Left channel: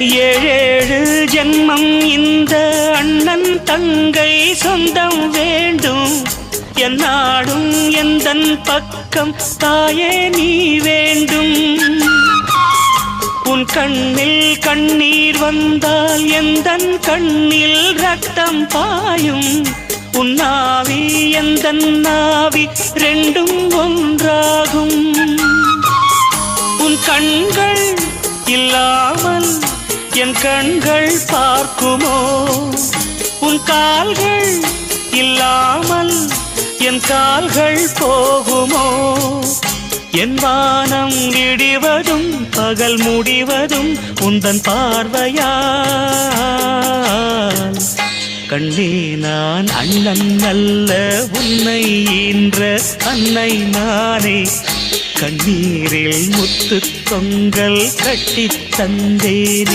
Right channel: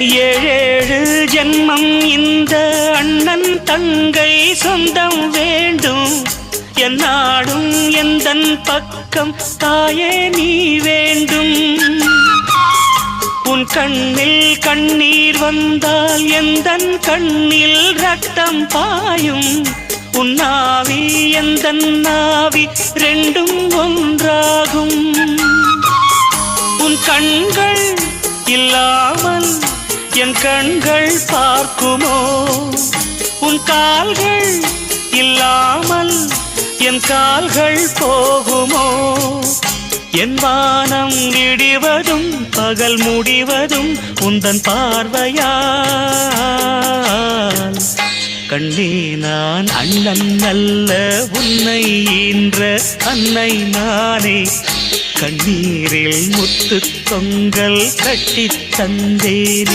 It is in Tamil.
ஏழேழு ஜென்மம் இந்த அண்ணன் தங்கை சொந்தம் வேண்டும். என்னாடும் எந்தன் பக்கம் தாயே நீ வேண்டும். உன் கண்ணில் கண்ணீர் வந்தால் எந்தன் கண்ணில் ரத்தம் பாயும். உன் நாவி எந்தன் நாவி ரெண்டும் ஒன்றாகும். உன் கண்கள் இல்லாமல் என் கண்கள் பார்க்குமோ? உன் கால்கள் இல்லாமல் என் கால்கள் போகுமோ? என் வானம் விடிவதும் பகல் முடிவதும் உந்தன் பார்வையால். கண்ணே நான் அண்ணன் அல்ல உன்னை ஈன்ற அன்னை நானே. கண்ணீரில் முத்து தொங்கல் கட்டித் தந்தேனே.